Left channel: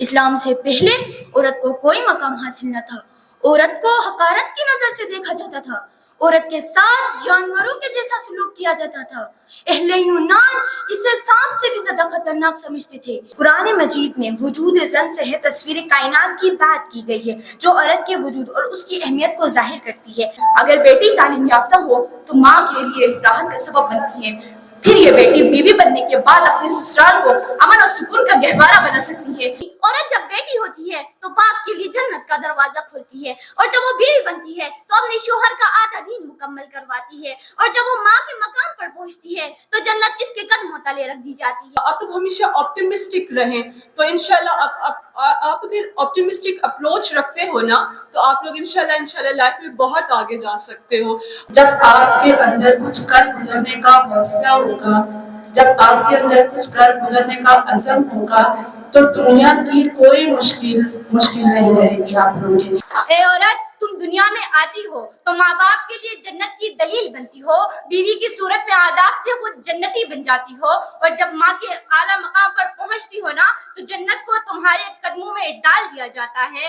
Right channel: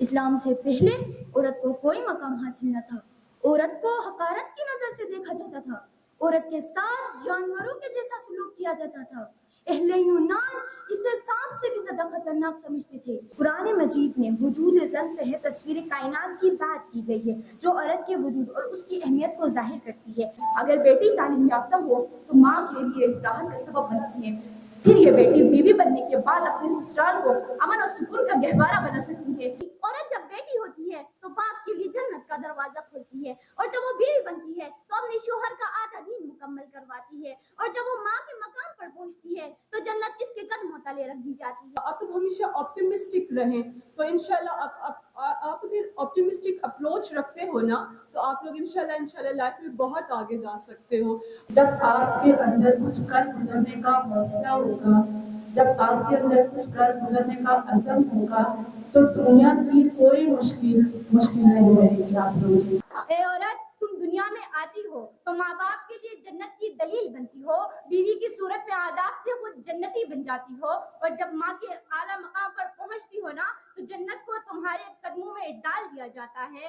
اسلام سے پہلے عورت کو کوئی مقام حاصل نہ تھا، عورت کو حقارت کی نظر سے دیکھا جاتا تھا، عورت کے ساتھ جانوروں کے جیسا سلوک کیا جاتا تھا۔ اہل یونان اسے سانپ سے بھی زیادہ خطرناک سمجھتے تھے۔ قرآن مجید میں وجود زن سے ہے تصویر کائنات کی بات کی گئی ہے، جو عورت کے وجود اور اس کی اہمیت کو ظاہر کرتی ہے۔ اگر بیٹی تعلیم یافتہ ہو تو ماں کے لیے راحت کا سبب بنتی ہے، پھر یہ بیٹی بیوی بننے کے بعد اپنے سسرال کو امن اور سکون کا گہوارہ بنا سکتی ہے۔ عورت جب بیٹی ہوتی ہے تو باپ کے لیے جنت کا دروازہ کھولتی ہے، اور جب وہ بیوی بنتی ہے تو اپنے شوہر کا آدھا دین مکمل کرواتی ہے، اور جب وہ ماں کے مقام پر پہنچتی ہے تو جنت اس کے قدموں تلے رکھ دی جاتی ہے۔ آپ لوگ ہمیشہ آپٹیمسٹک رہیں، تو انشاءاللہ آپ اگر آپٹیمسٹک اپروچ رکھتے ہو نا تو آپ لوگ انشاءاللہ لائف میں بہت آگے جا سکتے ہو۔ جب آپ کے اندر کچھ کر گزرنے کا حوصلہ ہوگا، جب آپ کے اندر کچھ کر گزرنے کا عزم ہوگا تو دنیا کی کوئی مشکل نہیں رہے گی آپ لوگوں کے لیے۔ اے عورت، تم دنیا میں آتی ہو تو ماں باپ کے لیے جنت کی دلیل بنتی ہو، بیوی کی صورت میں آداب سے خود جنتی بن جاتی ہو، اور جب ماں کے اعلیٰ مقام پر پہنچتی ہو نا تو جنت کو تمہارے قدموں میں ڈال دیا جاتا ہے۔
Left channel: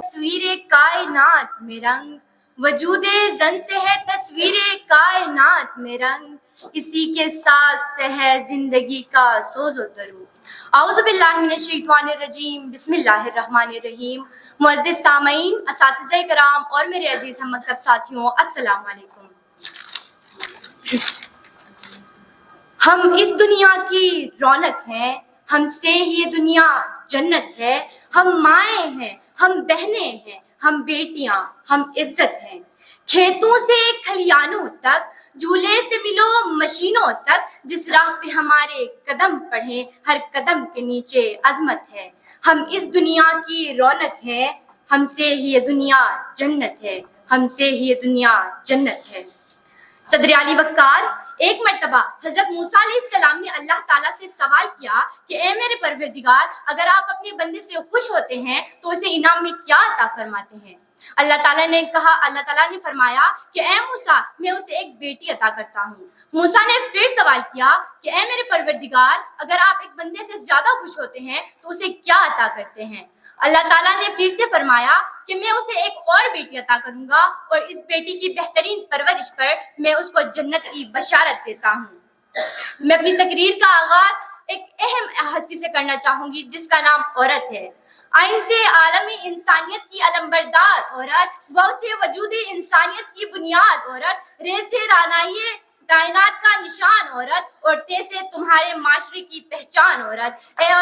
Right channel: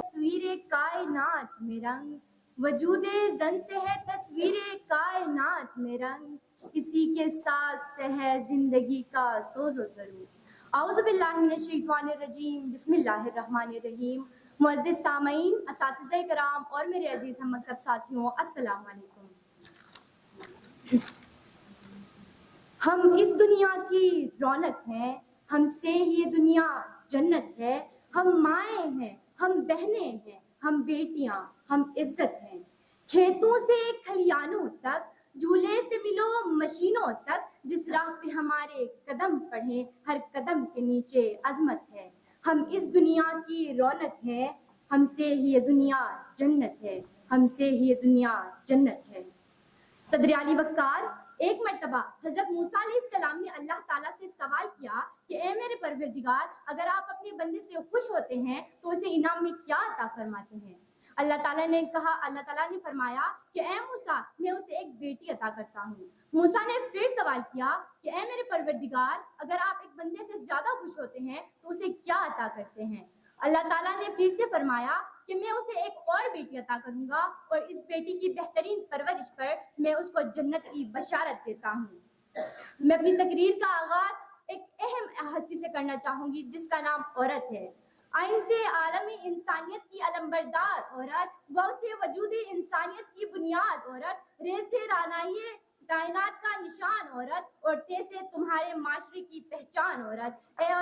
تصویر کائنات میں رنگ، وجود زن سے ہے تصویر کائنات میں رنگ، اسی کے ساتھ سے ہے زندگی کا سوز و درو۔ اعوذ باللہ من الشیطان الرجیم، بسم اللہ الرحمن الرحیم۔ معزز سامعین، اساتذہ کرام اور میرے عزیز ہم مکتب ساتھیوں، السلام علیکم۔ ہم اس دنیا کی رونق ہیں، ہم سے ہی یہ دنیا جنت ہے، ہم مائیں ہیں، ہم بہنیں ہیں، ہم بیٹیاں، ہم عزت ہیں۔ کھیتوں سے کھلیانوں تک، جھولے سے ملو مشینوں تک، جس راہ پہ ہمارے قدم پڑھیں ہر قدم کے نیچے عظمت ہے۔ ہم اس دنیا کی رونق ہیں، ہم سے ہی یہ دنیا جنت ہے، ہم سے ہی یہ دنیا جنت ہے۔ صدر علی وقار، ایک مرتبہ حضرت موسیٰ علیہ السلام نے اللہ تعالیٰ سے سوال کیا کہ اے میرے پروردگار، اگر آپ اپنے بندے سے خوش ہوتے ہیں تو اسے انعام میں کیا عطا فرماتے ہیں؟ اللہ تعالیٰ نے فرمایا کہ اے موسیٰ، میں اسے ایک بیٹی عطا کرتا ہوں۔ موسیٰ نے پھر سوال کیا کہ اے میرے پروردگار، اگر آپ ایک بندے سے زیادہ خوش ہوتے ہیں تو اسے کیا عطا کرتے ہیں؟ اللہ تعالیٰ نے پھر سے فرمایا کہ میں اسے ایک اور بیٹی عطا کروں گا، اور اس بیٹی کی بہترین پرورش پر میں اس کو جنت کی بشارت دیتا ہوں۔ میں اپنی تقریر کا آغاز ایک اہم ہستی سے کرنا چاہوں گی جس کا نام عورت ہے۔ آئین سے عالمی انسانیت کی علمبردار عورت، واو سے وجود انسانیت کی بنیاد عورت، رے سے رانائی کائنات کا نشان عورت، اور تے سے تمہارے معاشرے کی پہچان عورت۔ اے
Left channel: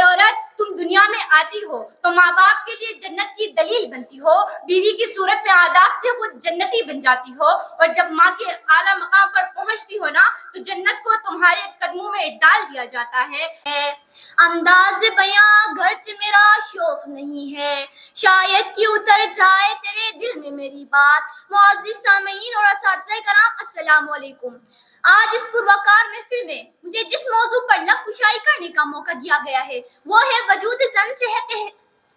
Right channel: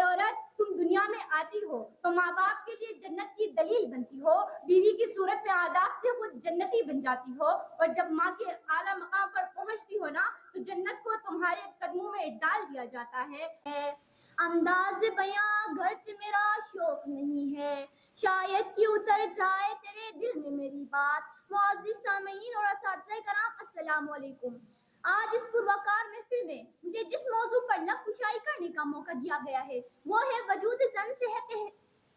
عورت، تم دنیا میں آتی ہو تو ماں باپ کے لیے جنت کی دلیل بنتی ہو، بیوی کی صورت میں آداب سے خود جنتی بن جاتی ہو، اور جب ماں کے اعلیٰ مقام پر پہنچتی ہو نا تو جنت کو تمہارے قدموں میں ڈال دیا جاتا ہے۔ انداز بیاں گرچہ میرا شوق نہیں ہے، شاید کہ اتر جائے تیرے دل میں میری بات۔ معزز سامعین اور اساتذہ کرام، السلام علیکم۔ آج اس پروقار محفل میں مجھے جس موضوع پر لب کشائی کرنے کا موقع دیا گیا ہے وہ ہے وجود زن سے ہے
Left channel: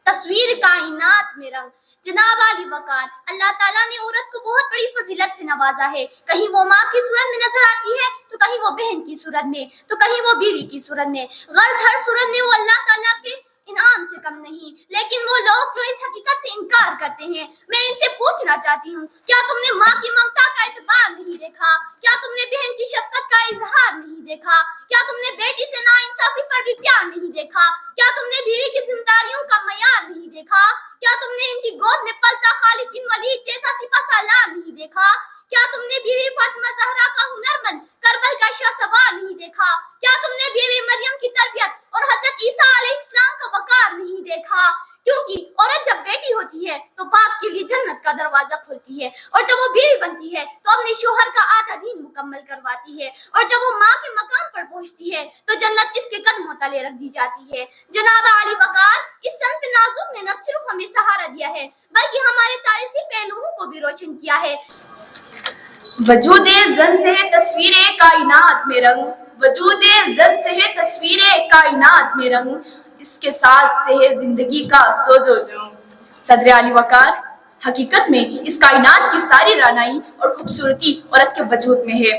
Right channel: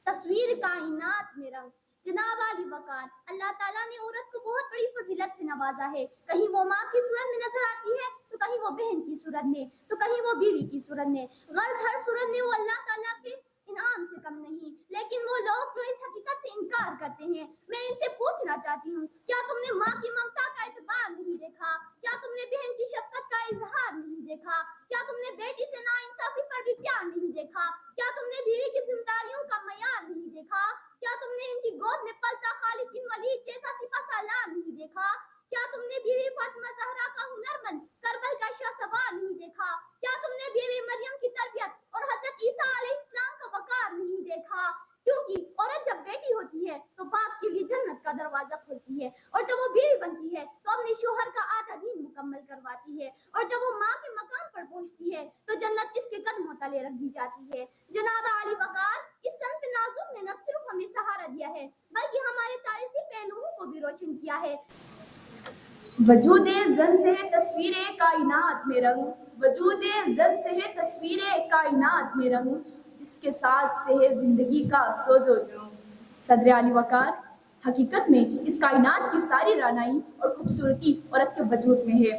تصویر کائنات میں رنگ۔ جناب علی وقار، اللہ تعالیٰ نے عورت کو بہت بڑی فضیلت سے نوازا ہے۔ کہیں وہ ماں کی صورت میں نظر آتی ہے تو کہیں وہ بہن کی صورت میں، تو کہیں وہ بیوی کی صورت میں۔ غرض ہر صورت میں وہ اللہ تعالیٰ کے انعام سے کم نہیں، لیکن وہ لوگ جو اس حقیقت سے انکار کرتے ہیں، میں ان سے پوچھنا چاہتی ہوں، کیا تم نے ماں کی ممتا کا اعتبار نہیں دیکھا؟ کیا تم نے بہن کی شفقت کا اظہار نہیں دیکھا؟ کیا تم نے بیٹی سے ناانصافی پر بھی پیار نہیں دیکھا؟ کیا تم نے بیوی کی ذمہ داریوں کا معیار نہیں دیکھا؟ کیا تم نے ان کی گود میں پلتا خالد بن ولید جیسا سپہ سالار نہیں دیکھا؟ کیا تم نے بیوی فاطمہ زہرا کا ہنرمند کربل کا شاہ سوار نہیں دیکھا؟ کیا تم نے بیوی مریم کی تربیت اور حضرت عیسیٰ علیہ السلام کا وقار نہیں دیکھا؟ کیونکہ عورت جب بیٹی ہوتی ہے تو باپ کے لیے جنت کا دروازہ کھولتی ہے، اور جب وہ بیوی بنتی ہے تو اپنے شوہر کا آدھا دین مکمل کرواتی ہے، اور جب وہ ماں کے مقام پر پہنچتی ہے تو جنت اس کے قدموں تلے رکھ دی جاتی ہے۔ جناب علی وقار، اس صنف نازک نے نہ صرف ہمیں سہارا دیا ہے بلکہ ہمارے تاریخی پہلوؤں کو بھی روشن کیا ہے۔ وجود زن سے ہے تصویر کائنات میں رنگ، وجود زن سے ہے تصویر کائنات میں رنگ، اس کے ساتھ سے ہے زندگی کا سوز و درو۔ صدر علی وقار، حقیقت میں اس کائنات کی ساری رانائی اور خوبصورتی عورت کے وجود میں ہے،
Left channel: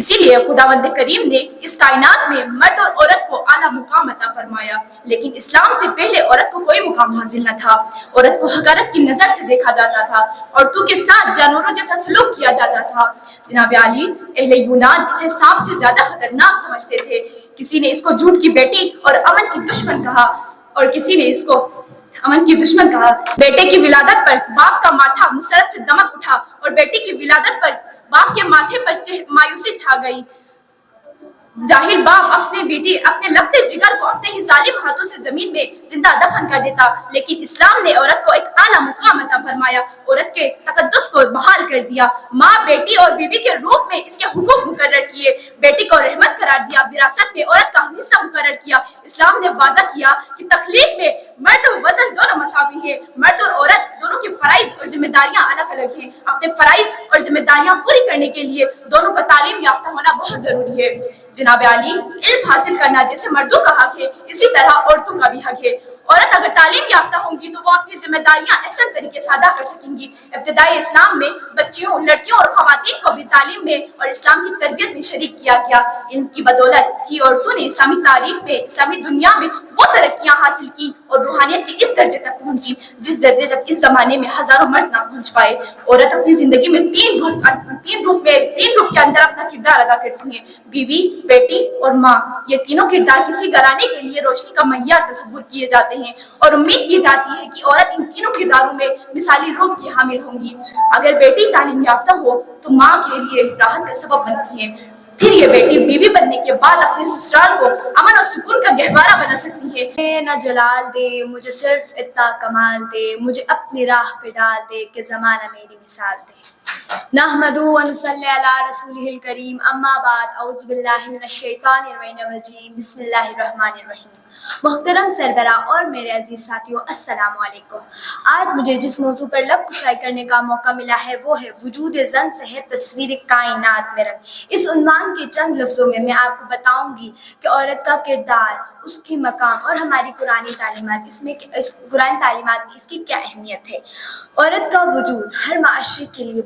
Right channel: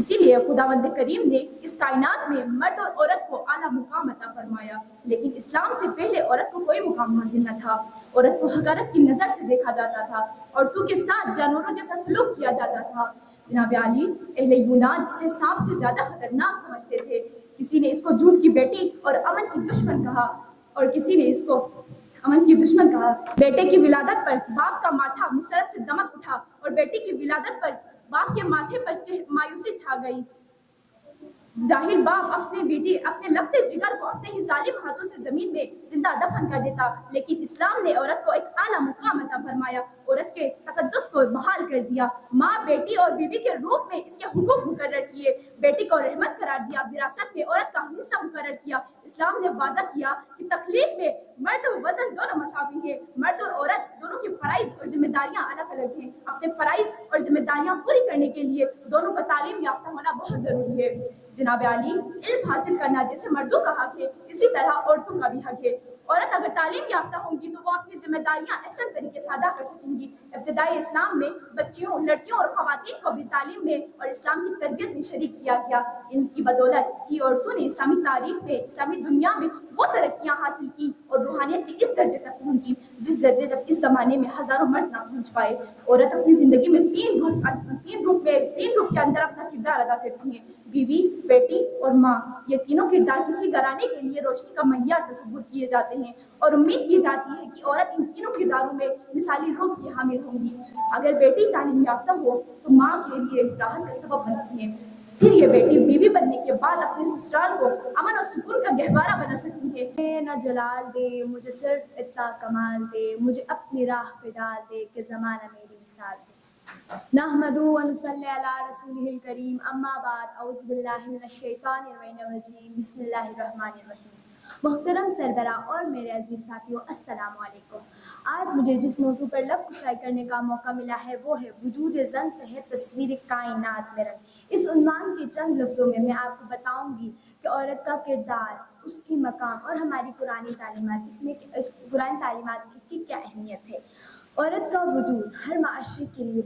اسی لیے خداوند کریم نے اس کائنات میں مرد اور عورت کو اعلیٰ مقام عطا فرمایا، لیکن اسلام سے پہلے عورت کو کوئی مقام حاصل نہ تھا۔ عورت کو حقارت کی نظر سے دیکھا جاتا تھا، عورتوں کے ساتھ جانوروں جیسا سلوک کیا جاتا تھا۔ جناب علی، اہل یونان اسے سانپ سے زیادہ خطرناک سمجھتے تھے، کسی نے اس کو جھوٹ کی بیٹی اور امن کی دشمن کہا، اور کسی نے اس کو امن کی دشمن کہا۔ بیٹے کی ولادت پر باپ کا ماتھا مسرت سے دمک اٹھا اور بیٹی کی ولادت پر باپ کے ماتھے پر مایوسی چھا گئی۔ جاہل باپ اپنے لگتے جگر کو اپنے ہی ظالم ہاتھوں سے زمین میں زندہ دفن کر دیتا، لیکن اسلام نے عورت کو ایک اعلیٰ مقام عطا فرمایا، عورت کے تقدس کو بحال کر دیا، ماں، بیٹی اور بیوی کے روپ میں اس کے حقوق مقرر کیے، بیٹی کو رحمت قرار دیا، وراثت میں عورت کا حصہ مقرر کیا۔ اسلام نے واضح کیا کہ تخلیق میں مرد و وزن دونوں مساوی ہیں، مرد اور عورت دونوں کے فرائض اور ذمہ داریاں الگ الگ ہیں، اپنے فرائض اور ذمہ داریاں پوری کرنے کے لیے دونوں کا تعلیم یافتہ ہونا بہت ضروری ہے۔ جناب علی، علم حاصل کرنا جیسے مردوں کا حق ہے، اسی طرح عورتوں کا بھی حق ہے۔ عورت اگر تعلیم یافتہ ہوں گی تو وہ اپنی ذمہ داریاں احسن طریقے سے ادا کر سکیں گی۔ ابتدائی اسلام میں بچیوں، لڑکیوں اور خواتین کو بھی تعلیم میں اور اسلام کی تربیت میں شریک کیا گیا۔ ان کی بدولت ہی عورتوں نے اسلامی تاریخ میں، اسلامی دنیا میں وہ ترقیاں حاصل کی اور روحانیت کے اس درجے تک پہنچی جس درجے جب اس زمانے میں ہزاروں مرد نہ پہنچ پائے۔ عورت اپنی زندگی میں تین روپ کے اندر اپنا کردار ادا کرتی ہیں: بیوی، بیٹی اور ماں۔ یہ تینوں کردار کسی گھرانے کے لیے روشنی کا معیار تصور کیے جاتے ہیں اور امید کی جاتی ہے کہ عورت ان تینوں کرداروں میں مثالی روپ کی حامل ہوں گی۔ اگر بیٹی تعلیم یافتہ ہو تو ماں کے لیے راحت کا سبب بنتی ہے، پھر یہ بیٹی بیوی بننے کے بعد اپنے سسرال کو امن اور سکون کا گہوارہ بنا سکتی ہے۔ نہ جلال دے مجھے، صرف اتنا کمال دے مجھے، اپنی راہ پہ ڈال دے کہ زمانہ میری مثال دے۔ نحمدہ و نصلی علی رسولہ الکریم، اما بعد، اعوذ باللہ من الشیطان الرجیم، بسم اللہ الرحمن الرحیم۔ محترم سربراہ اور میرے عزیز ساتھیوں، السلام علیکم۔ آج مجھے جس موضوع پر لب کشائی کرنے کا موقع ملا ہے وہ ہے وجود زن سے ہے تصویر کائنات میں رنگ۔ اس عنوان کے چند لفظوں میں میں آپ کو بتاؤں گی کہ عورت کا کردار، اس کی مقام اور ہماری قرآنی تعلیمات کی اس کی کیا اہمیت ہے۔ عورت کا وجود ہر معاشرے کے لیے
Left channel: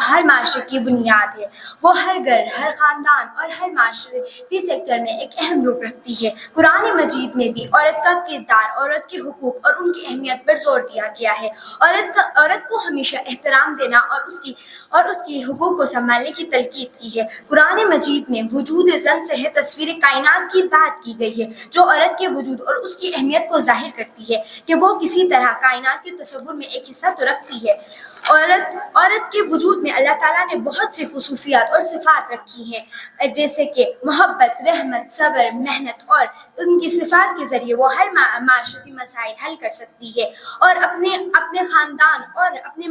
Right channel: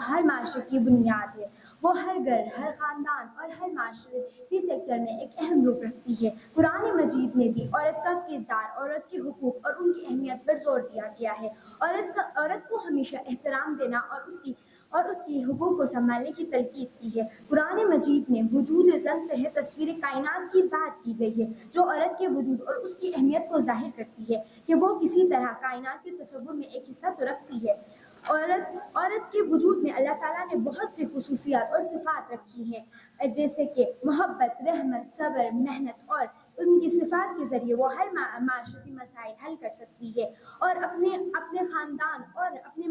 ہر معاشرے کی بنیاد ہے۔ وہ ہر گھر، ہر خاندان اور ہر معاشرتی سیکٹر میں ایک اہم روپ رکھتی ہے۔ قرآن مجید میں بھی عورت کا کردار، عورت کے حقوق اور ان کی اہمیت پر زور دیا گیا ہے۔ عورت کو ہمیشہ احترام دینا اور اس کی حقوق کو سنبھالنے کی تلقین کی ہے۔ قرآن مجید میں وجود زن سے ہے تصویر کائنات کی بات کی گئی ہے، جو عورت کے وجود اور اس کی اہمیت کو ظاہر کرتی ہے کہ وہ کسی طرح کائنات کے تصور میں ایک حصہ تو رکھتی ہے۔ عورت کے وجود میں اللہ تعالیٰ نے بہت سی خصوصیات اور صفات رکھی ہیں، جیسے کہ محبت، رحمت، صبر، محنت، اور ان کی صفات کے ذریعے وہ ہر معاشرتی مسائل حل کر سکتی ہے اور اپنے خاندان اور اپنی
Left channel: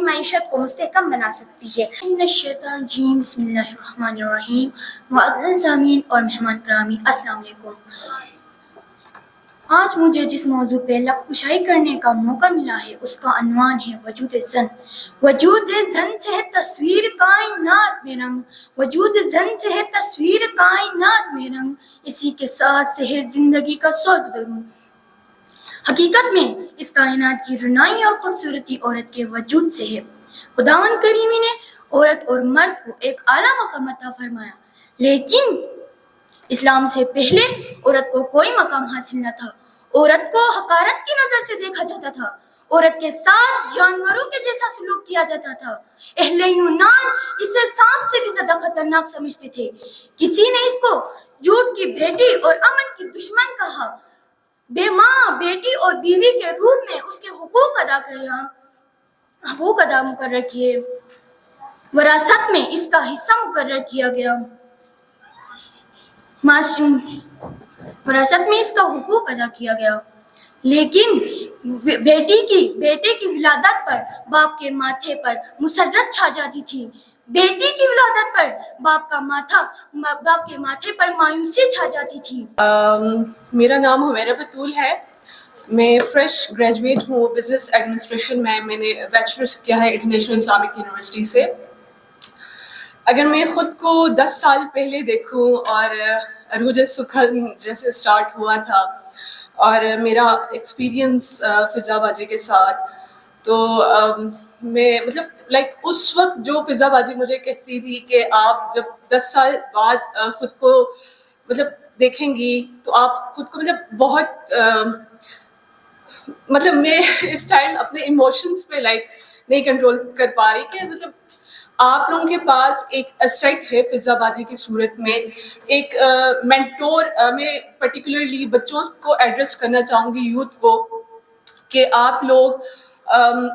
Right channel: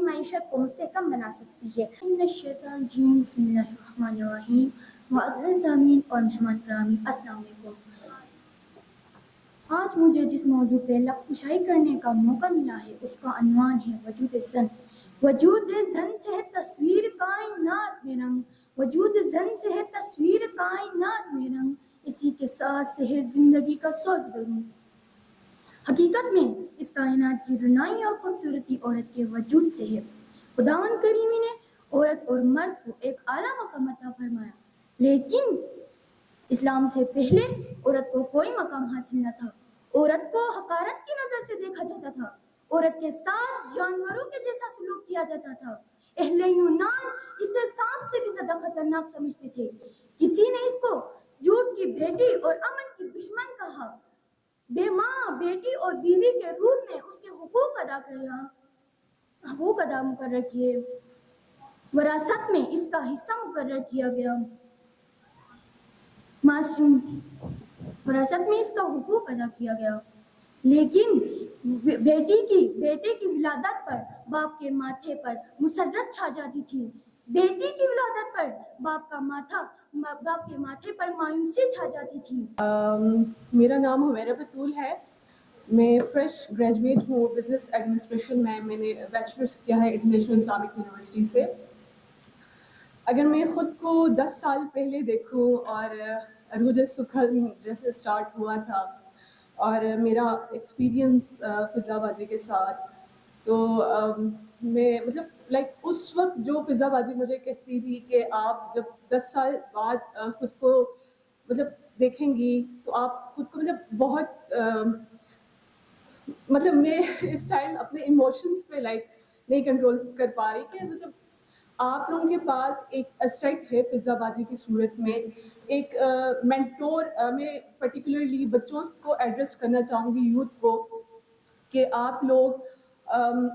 معیشت کو مستحکم بنا سکتی ہے۔ من الشیطان الرجیم، بسم اللہ الرحمن الرحیم۔ معزز سامعین اور مہمان گرامی، السلام علیکم۔ آج مجھے جس موضوع پہ لب کشائی کرنے کا موقع ملا ہے اس کا عنوان ہے وجود زن۔ وجود زن سے ہے تصویر کائنات میں رنگ، وجود زن سے ہے تصویر کائنات میں رنگ، اسی کے ساتھ سے ہے زندگی کا سوز دروں۔ حقیقت میں اس کائنات کی رونائی اور خوبصورتی عورت کے وجود سے ہے۔ خداوند کریمی نے عورت اور مرد کو ایک اعلیٰ مقام عطا فرمایا، لیکن اسلام سے پہلے عورت کو کوئی مقام حاصل نہ تھا۔ عورت کو حقارت کی نظر سے دیکھا جاتا تھا، عورت کے ساتھ جانوروں کے جیسا سلوک کیا جاتا تھا۔ اہل یونان اسے سانپ سے بھی زیادہ خطرناک سمجھتے تھے، کسی نے اس کو جھوٹ کی بیٹی اور امن کی دشمن کہا۔ بے ماں، بیٹی اور بیوی کے روپ میں اس کے حقوق ادا مقرر کیے، وراثت میں اس کا حصہ مقرر کیا گیا، وراثت میں اس کا حقوق ادا کیا گیا، لیکن بیٹے کی ولادت پر باپ کے ماتھے پر مسرت چھا جاتی تھی، بیٹی کی ولادت پر باپ کے ماتھے پر مایوسی چھا جاتی تھی۔ میرا نام حمیرہ بطول ہے، میں فریش گریجویٹ ہوں بزنس ایڈمنسٹریشن میں نے بیچلرس کیا ہے انٹرنیشنل اسلامک یونیورسٹی سے۔ اگر میں خود کو 10 سال پہلے دیکھوں اور عروج سخن جیسے سٹارٹ ہوا تھا اور میرا ایکسپیرینس فضا باجی کے ساتھ، تو میں مطلب لائک اس وقت جو فضا باجی مجھے کہتی تھی کہ آپ جب 10 سال بعد خود کو مطلب دیکھیں گی تو آپ خود کو مطلب بہت مطلب میں اس ٹائم اپنے ایموشنس پہ لائک نہیں کنٹرول کر پا رہی کہ مطلب آپ لوگوں کے پاس ایک اسیٹ ہے فضا باجی کی صورت میں، ایک مینٹور. میں پرٹیکولرلی بچوں کو ایڈریس کرنا چاہوں گی، یوتھ کو، کہ آپ لوگ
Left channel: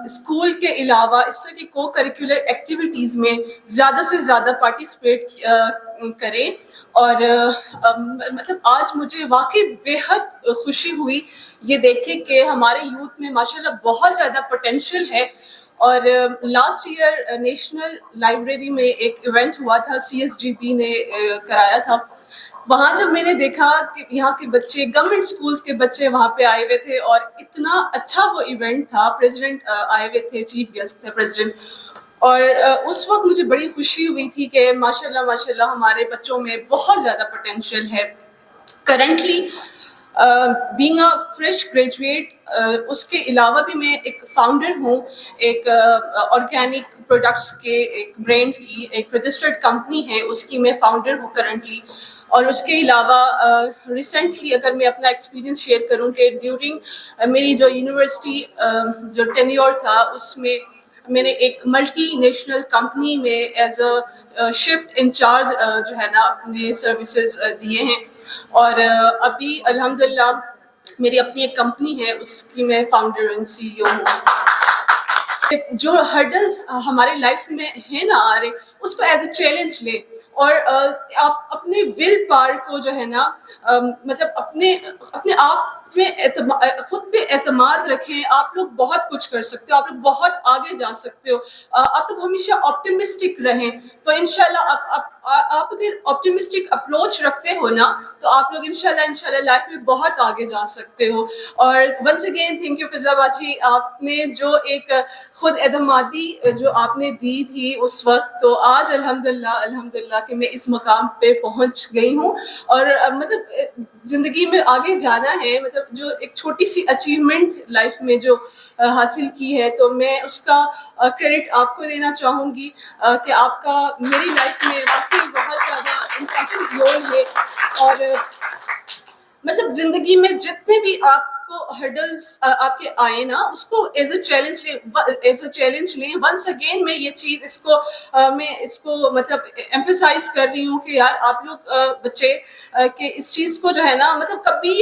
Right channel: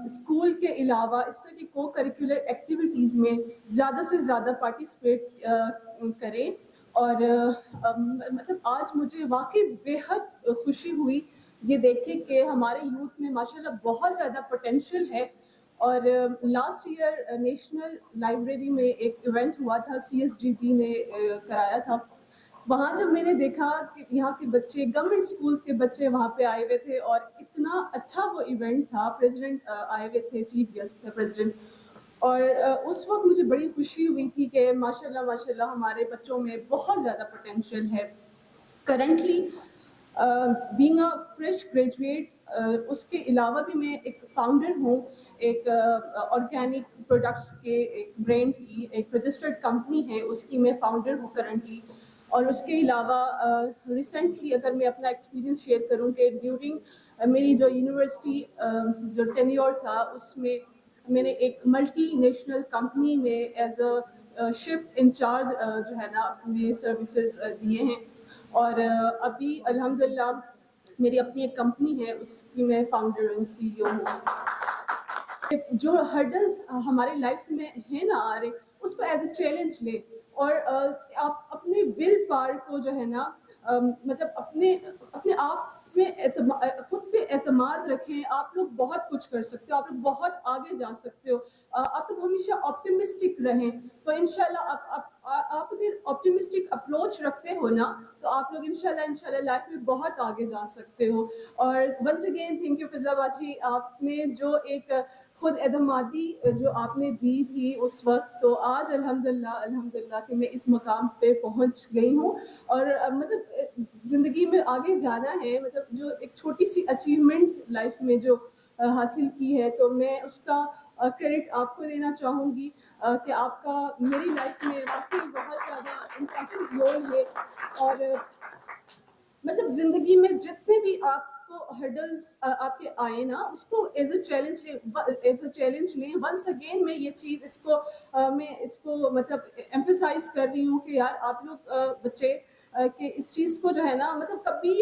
اسکول کے علاوہ اس طرح کی کو کریکولر ایکٹیویٹیز میں زیادہ سے زیادہ پارٹیسپیٹ کریں. اور مطلب آج مجھے واقعی بے حد خوشی ہوئی یہ دیکھے کہ ہمارے یوتھ میں ماشاءاللہ بہت زیادہ پوٹینشیل ہے. اور لاسٹ ایئر نیشنل لائبریری میں ایک ایونٹ ہوا تھا، CSDP نے کرایا تھا. وہاں جب میں نے دیکھا کہ یہاں کے بچے، گورنمنٹ اسکولس کے بچے وہاں پہ آئے ہوئے تھے اور اتنا اچھا وہ ایونٹ تھا، پریزیڈنٹ آئے ہوئے تھے، چیف گیسٹ تھے پریزیڈنٹ. اور اس وقت مجھے بڑی خوشی ہوئی تھی کہ ماشاءاللہ ماشاءاللہ ہمارے بچوں میں بہت زیادہ پوٹینشیل ہے. Currently being a fresh graduate, اس کے علاوہ بھی میں ایک فاؤنڈر ہوں ایک آرگینک پروڈکٹس کے ایک برانڈ کی، ایک رجسٹرڈ کمپنی ہے اس کی میں فاؤنڈر ہوں کرنٹلی. اور اس کے علاوہ ریسنٹلی اگر میں اپنا ایکسپیرینس شیئر کروں کہ ڈیورنگ میری جو یونیورسٹی جو ٹینیور تھا اس میں میں نے ایک ملٹی نیشنل کمپنی میں ایز اے شفٹ انچارج جو ہے نا اپنے سروسز دیے ہیں. اور ابھی الحمدللہ میری اپنی ایک کمپنی ہے، اس کی میں فاؤنڈر اینڈ CEO ہوں. جو ہرڈلس ہمارے لائف میں ہیں نا آ رہے، اس کو ایز اے چیلنج لیں اور آپ اپنے ول پاور کو جو ہے نا مطلب اپنے آپ میں خود پہ اعتماد رکھیں. آپ لوگ بہت کچھ کر سکتے ہو، آپ لوگ بہت آگے جا سکتے ہو. آپ لوگ ہمیشہ آپٹیمسٹک رہیں تو انشاءاللہ آپ اگر آپٹیمسٹک اپروچ رکھتے ہو نا تو آپ لوگ انشاءاللہ لائف میں بہت آگے جا سکتے ہو. اور ونس اگین تھینک یو فضا باجی، آپ نے جو ایک خود اعتمادی جو آپ نے دی تھی اس وقت، تو آج الحمدللہ کہ میں اس مقام پہ پہنچ گئی ہوں. اور مطلب زندگی میں آگے جانا ہے، مطلب جو ایک چھوٹی سی اچیومنٹ لائف میں جو حاصل کی ہے تو میں اس کا کریڈٹ آپ کو دینا چاہوں گی کہ آپ کا میری لائف میں واقعی بہت زیادہ امپورٹنٹ رول ہے. اور مطلب زندگی میں جتنے بھی آپ کو ہرڈلس آپ کے آئے نا اس کو ایز اے چیلنج لیں. ونس اگین میں یہ چیز میں اس کو مطلب ایمفیسائز کر رہی ہوں کہ یار آپ لوگ بچے کہ اس چیز کو جو ہے نا مطلب کبھی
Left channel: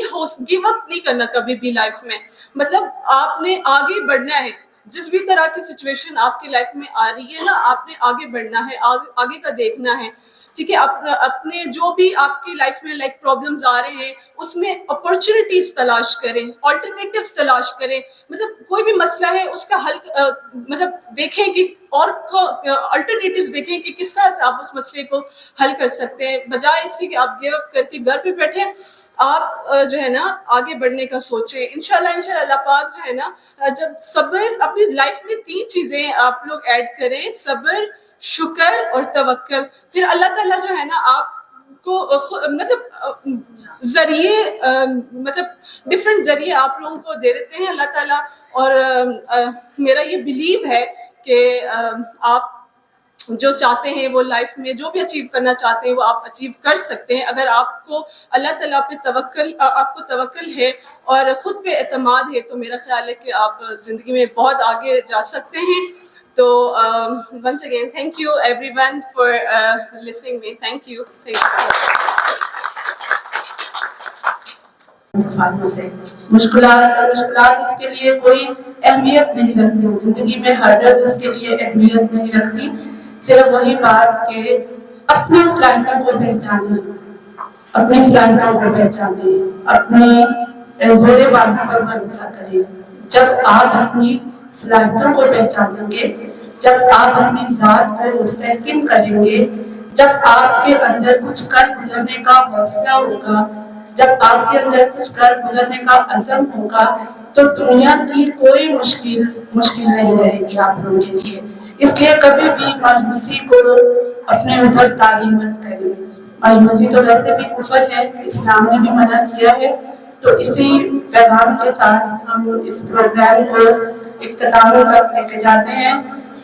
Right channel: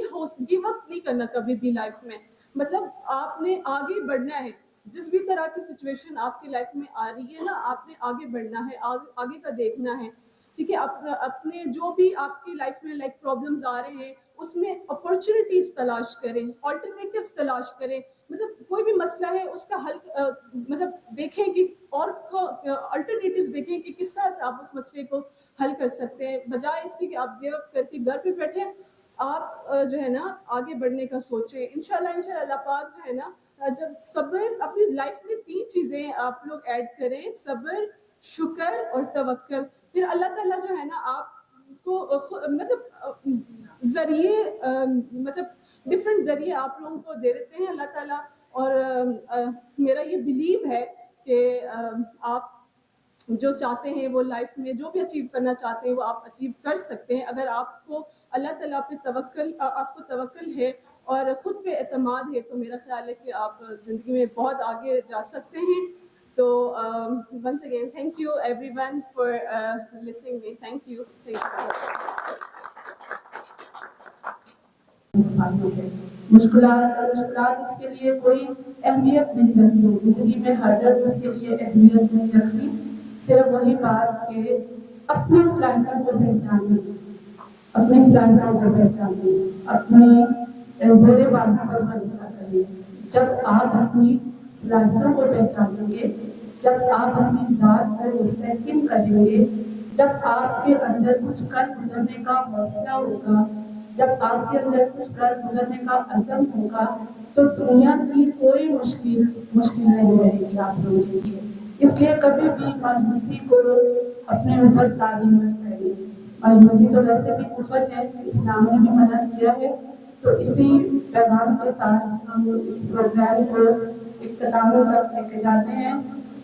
گیو اپ نہیں کرنا کبھی بھی لائف میں. مطلب آپ نے آگے بڑھنا ہے، جس بھی طرح کی سچویشن آپ کی لائف میں آ رہی ہے نا آپ نے آگے بڑھنا ہے، آگے کا دیکھنا ہے. ٹھیک ہے، اپنے جو بھی آپ کی لائف میں لائک پرابلمز آ رہے ہیں اس میں اپرچونیٹیز تلاش کریں، آلٹرنیٹیوز تلاش کریں. مطلب کوئی بھی مسئلہ ہے اس کا حل مطلب دیکھیں کہ اور آلٹرنیٹیوز دیکھیں کہ کس طرح سے آپ اس مسئلے کو حل کر سکتے ہیں، بجائے اس کی کہ آپ گیو اپ کر کے گھر پہ بیٹھے. آپ جو ہے نا آگے بڑھنے کا سوچیں. انشاءاللہ اللہ پاک جو ہے نا جب صبر اپنی لائف میں 3 چیزیں آپ لوگ ایڈ کریں، صبر، شکر اور توکل، پھر اللہ تعالیٰ جو ہے نا آپ کو مطلب ذریعے مطلب ڈفرینٹ ذریعے آپ لوگوں کو دے دیتے ہیں اللہ تعالیٰ. اور میرا یہ بلیو ہے کہ آپ جو چاہتے ہیں وہ لائف میں جو بھی اچیو کرنا چاہتے ہیں وہ آپ اچیو کر سکتے ہیں اگر آپ کو اللہ تعالیٰ پہ توکل ہے اور خود پہ اعتماد ہے. تو میرا خیال ہے کہ آپ زندگی میں بہت آگے جا سکتے ہیں. تو once again thank you everyone for listening me. Thank you. مشکلات اس کے لیے کوئی اہمیت نہیں رکھتی، زندگی میں ہرڈلز اس کے لیے اہمیت نہیں رکھتی. صرف وہی بات کہ اپنی صلاحیتوں کو پہچانے، اپنے زور بازو پر بھروسہ کریں. جب آپ اپنی صلاحیتوں کو پہچانیں گے، جب آپ اپنی ذات کو مستحکم کریں گے، جب آپ کے اندر کچھ کر گزرنے کا حوصلہ ہوگا، جب آپ کے اندر کچھ کر گزرنے کا عزم ہوگا تو دنیا کی کوئی مشکل نہیں رہے گی آپ لوگوں کے لیے. اس لیے کبھی بھی مایوسی کو اپنے اوپر طاری مت کریں. مایوسی تو ویسے بھی کفر ہے، اسلام نے بھی منع کیا ہے. تو اسی پیغام کے ساتھ ہم اس پروگرام کو اختتام تک لے کے جاتے ہیں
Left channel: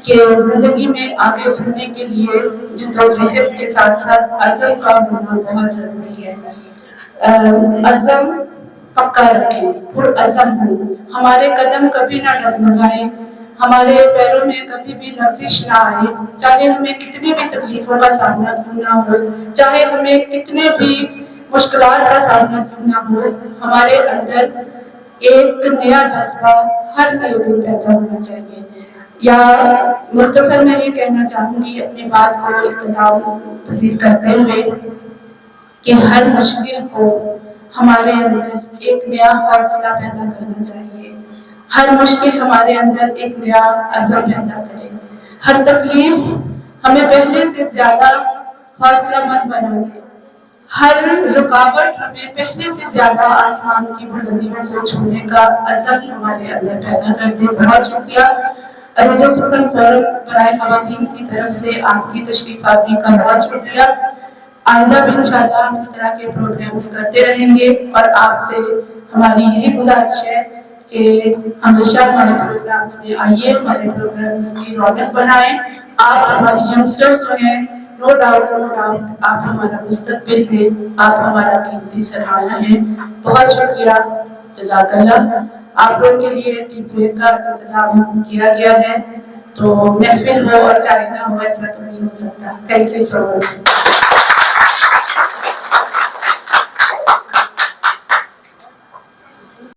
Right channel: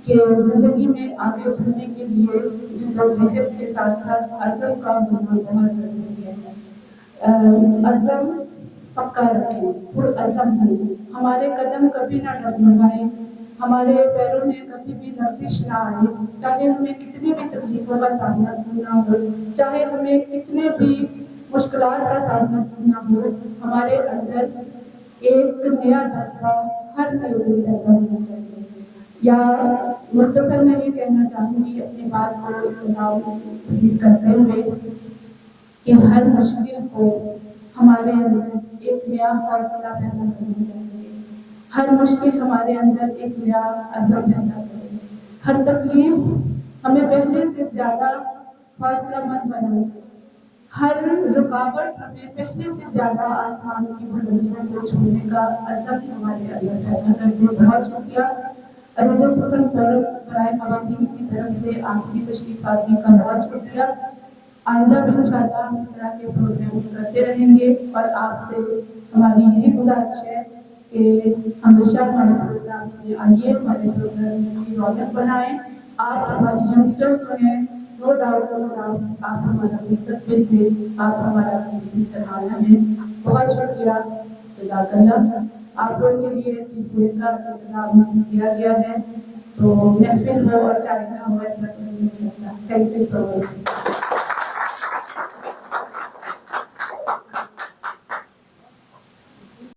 کہ زندگی میں آگے بڑھنے کے لیے جدوجہد کے ساتھ ساتھ عزم کا ہونا بہت ضروری ہے۔ عزم پکا رکھیں، پرعزم ہو، ہمارے قدم کبھی نہ ڈگمگائیں، ہمارے پیروں میں کبھی بھی لرزش نہ آئے، چاہے ہمیں کتنی بھی تکلیفوں کا سامنا کرنا ہو، چاہے ہمیں کتنے بھی مشکلات کا سامنا کرنا ہو، ہمارے اندر ایک نیا جذبہ ہر نئے دن پیدا ہونا چاہیے۔ یا مختصر میں یہ کہنا چاہوں گی اپنی بات کو اختتام پذیر کرتے ہوئے کہ ہر مشکل کو ہمارے اندر ایک نیا حوصلہ پیدا کرنا چاہیے، ہر مشکل ہمارے اندر ایک نیا عزم پیدا کرے، ہر تکلیف ہمیں پہلے سے زیادہ حوصلہ مند بنا دے، ہر رکاوٹ ہمیں پہلے سے زیادہ آسمان کی بلندیوں کو چھونے کا عزم ہمارے اندر پیدا کر دے۔ بہت شکریہ مجھے سپرن فورم برائے خواتین کی طرف سے آپ کی تشریف آوری کا بہت شکریہ۔ آئندہ بھی انشاءاللہ ہم اس طرح کے پروگرامز کرتے رہیں گے اور آپ سے ہماری یہی گزارش ہے کہ ہمیشہ ہمارے پروگرامز میں آئیے، ہمارے پروگرامز کی رونق بنائیں۔ آپ ہماری ینگسٹرز جو ہیں، نو ڈاؤٹ آپ ہمارا مستقبل ہے، آپ ہمارا قیمتی سرمایہ ہیں۔ بہت شکریہ، جزاک اللہ۔ آپ لوگوں کے لیے ٹی بریک کا انتظام کیا گیا ہے، تو محفل ہو اور چائے نہ ہو ایسا تو نہیں ہو سکتا۔ Thank you so much.